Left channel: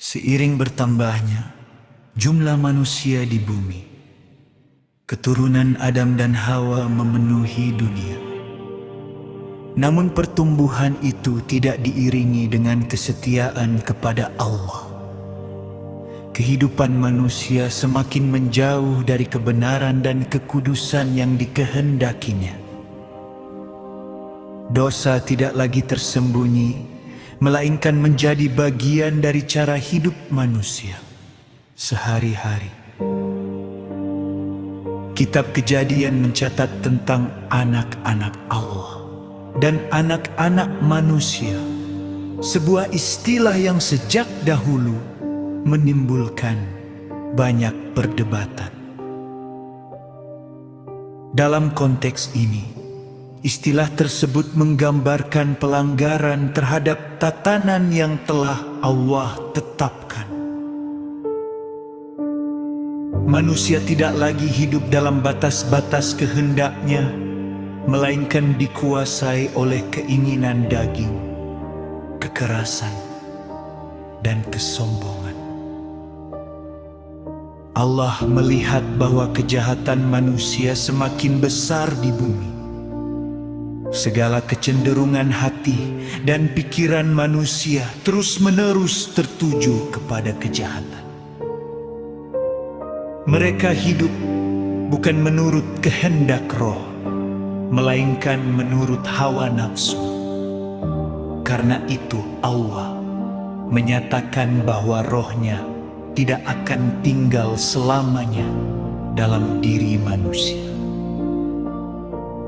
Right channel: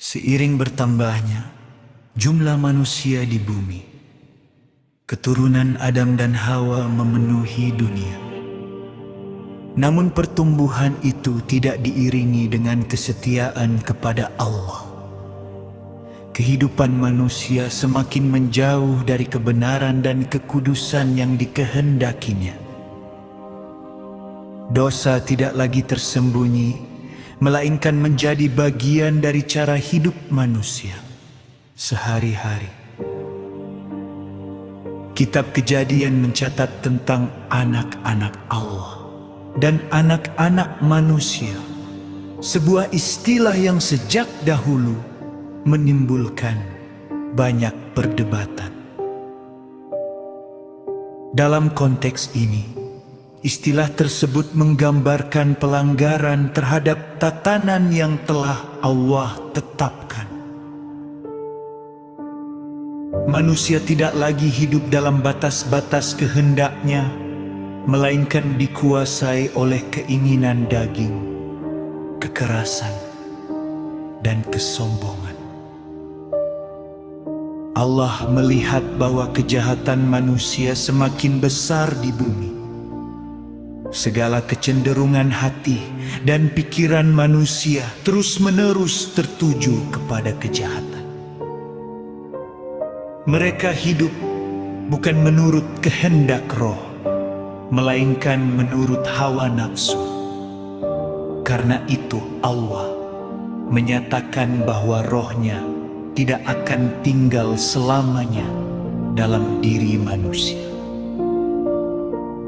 Seiring bertambahnya jumlah manusia di bumi, keturunan Adam dan Hawa memenuhi dunia. Namun pertumbuhan itu tidak diiringi dengan kesetiaan kepada Allah. Kehidupan manusia semakin menjauh dari kebenaran dan kekudusan yang dikehendakinya. Dosa tidak lagi tersembunyi, melainkan menjadi bagian dari cara hidup manusia sehari-hari. Kitab Kejadian mencatat tentang anak-anak Allah dan anak-anak manusia, sebuah istilah yang sejak dahulu menimbulkan banyak perdebatan. Dalam konteks ini, istilah tersebut menggambarkan pelanggaran terhadap tatanan yang telah Allah tetapkan. Manusia tidak lagi hidup dalam batas-batas kehendaknya, melainkan dikuasai oleh keinginan daging, kekerasan, dan kesombongan. Allah melihat bahwa kejahatan manusia semakin besar di bumi. Segala kecenderungan hati dan pikiran manusia terus-menerus tertuju kepada kejahatan. Mereka hidup bukan menurut kehendak roh, melainkan menurut hawa nafsu. Karena itu Allah menyatakan bahwa rohnya tidak akan tinggal selamanya dalam diri manusia.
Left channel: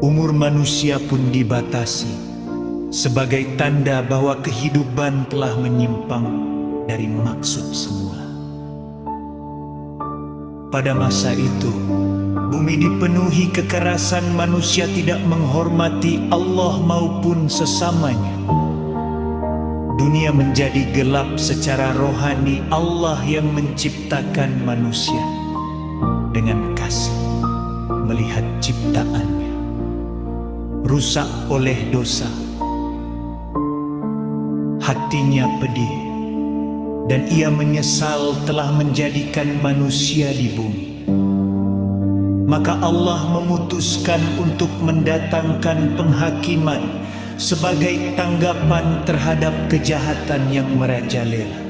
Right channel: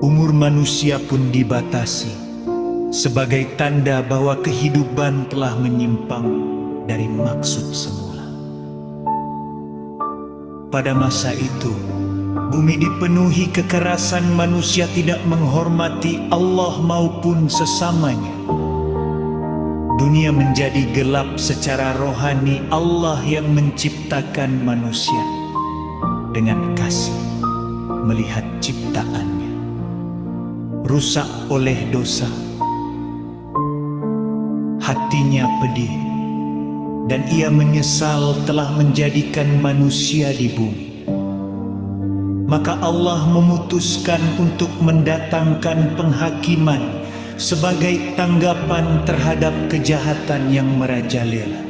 Umur manusia pun dibatasi sebagai tanda bahwa kehidupan telah menyimpang dari maksud semula. Pada masa itu, bumi dipenuhi kekerasan, manusia tidak menghormati Allah maupun sesamanya. Dunia menjadi gelap secara rohani. Allah yang menciptakan manusia dengan kasih melihat ciptaannya rusak oleh dosa. Hatinya pedih dan ia menyesal telah menjadikan manusia di bumi. Maka Allah memutuskan untuk mendatangkan penghakiman sebagai tanggapan terhadap kejahatan yang merajalela.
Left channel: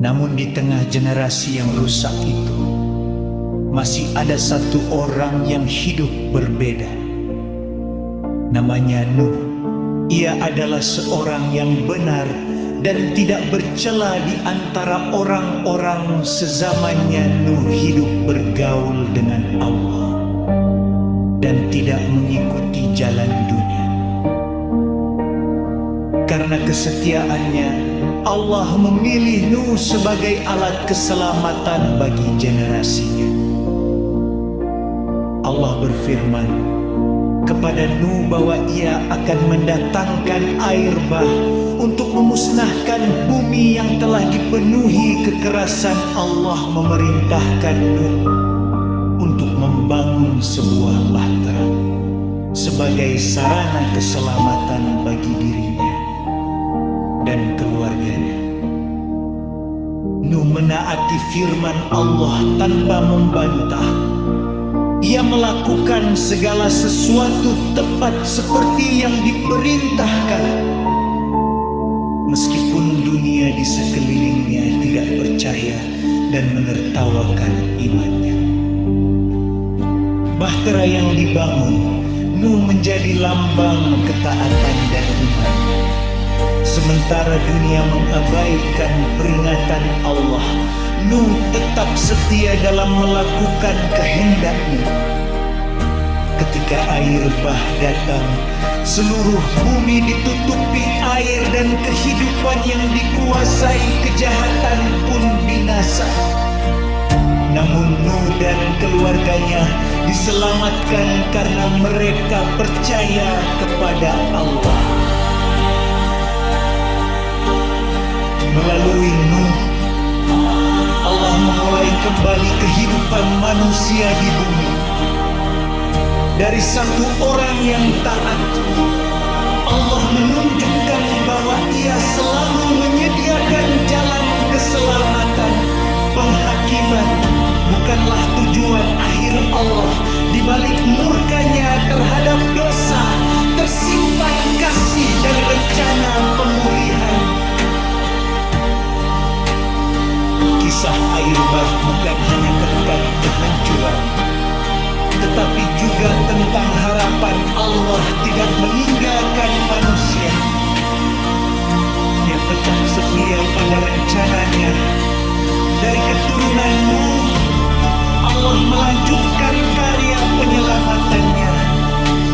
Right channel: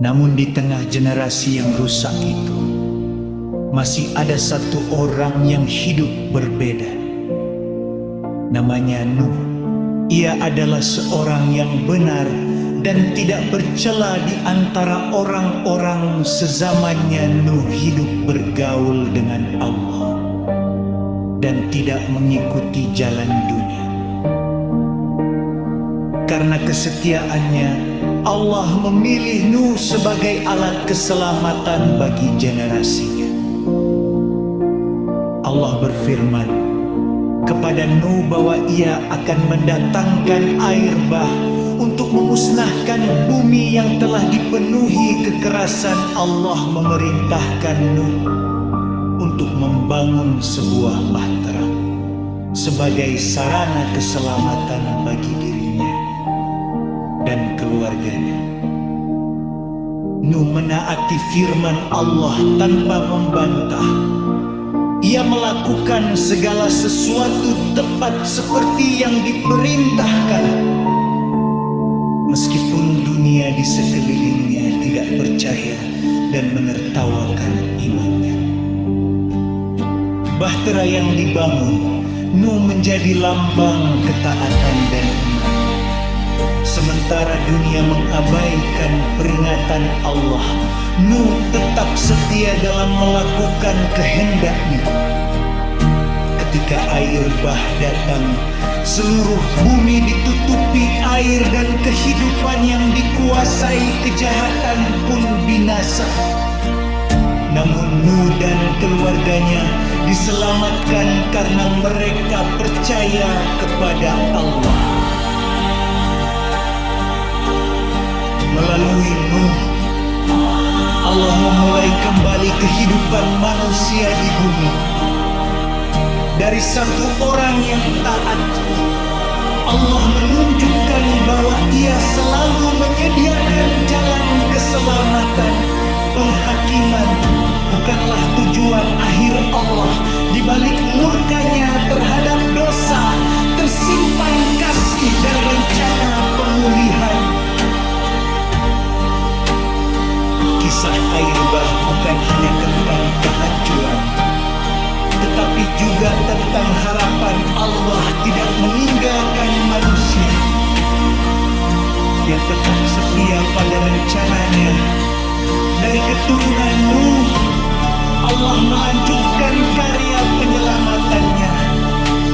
Namun di tengah generasi yang rusak itu, masih ada satu orang yang hidup berbeda. Namanya Nuh. Ia adalah seorang yang benar dan tidak bercela di antara orang-orang sezamannya. Nuh hidup bergaul dengan Allah dan tidak mengikuti jalan dunia. Karena kesetiaannya, Allah memilih Nuh sebagai alat keselamatan bagi generasinya. Allah berfirman kepada Nuh bahwa ia akan mendatangkan air bah untuk memusnahkan bumi yang telah dipenuhi kekerasan. Allah memerintahkan Nuh untuk membangun sebuah bahtera sebagai sarana keselamatan bagi dirinya dan keluarganya. Nuh menaati firman Allah tanpa membantah. Ia melakukan segala sesuatu tepat seperti yang diperintahkan. Meskipun dunia di sekelilingnya tidak percaya dan menertawakan imannya. Bahtera yang dibangun, Nuh menjadi lambang ketaatan dan iman. Sementara dunia mengabaikan peringatan Allah, Nuh tetap setia dalam melakukan kehendaknya. Ketika air bah datang, seluruh bumi ditutupi air dan kehidupan yang dikuasai kejahatan pun binasa. Namun Nuh dan keluarganya diselamatkan karena mereka percaya kepada Allah. Melalui Nuh, Allah memulai kembali kehidupan manusia di bumi. Dari satu orang yang taat Allah menunjukkan bahwa Ia selalu menyediakan jalan keselamatan. Penghakiman bukanlah tujuan akhir Allah. Di balik murkanya terhadap dosa, tersimpan kasih dan rencana pemulihan. Kisah air bah bukan hanya tentang kehancuran, tetapi juga tentang harapan Allah tidak meninggalkan manusia. Ia tetap setia pada rencananya. Dari keturunan Nuh, Allah melanjutkan karya penyelamatannya,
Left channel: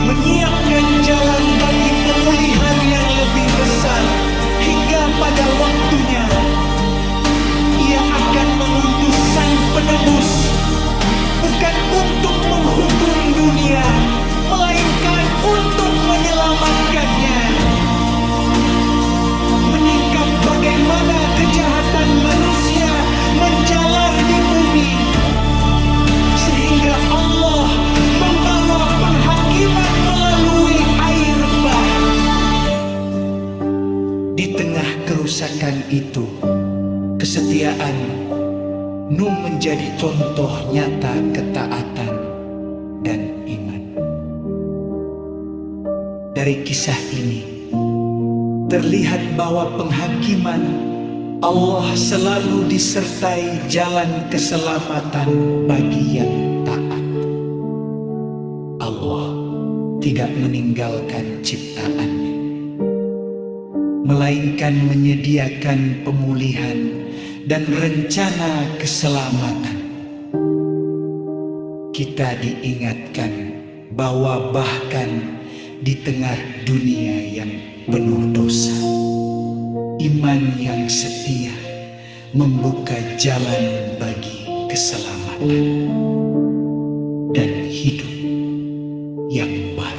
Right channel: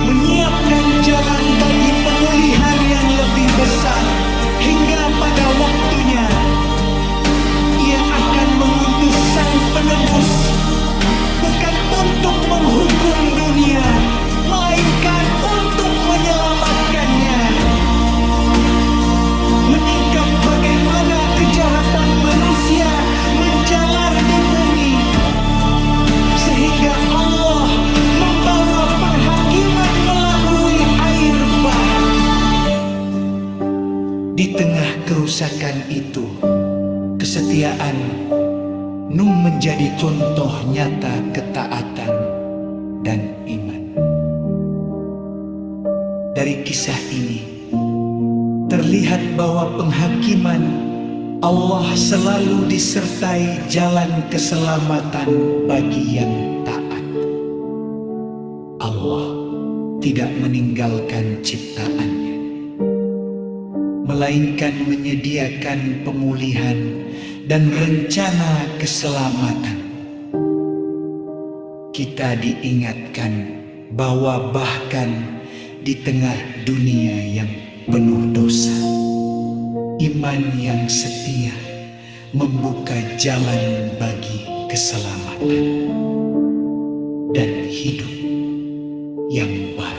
menyiapkan jalan bagi pemulihan yang lebih besar. Hingga pada waktunya Ia akan mengutus sang penebus, bukan untuk menghukum dunia, melainkan untuk menyelamatkannya. Menyingkap bagaimana kejahatan manusia menjalar di bumi, sehingga Allah membawa penghakiman melalui air bah. Di tengah kerusakan itu, kesetiaan Nuh menjadi contoh nyata ketaatan dan iman. Dari kisah ini terlihat bahwa penghakiman Allah selalu disertai jalan keselamatan bagi yang taat. Allah tidak meninggalkan ciptaannya, melainkan menyediakan pemulihan dan rencana keselamatan. Kita diingatkan bahwa bahkan di tengah dunia yang penuh dosa, iman yang setia membuka jalan bagi keselamatan dan hidup yang baru.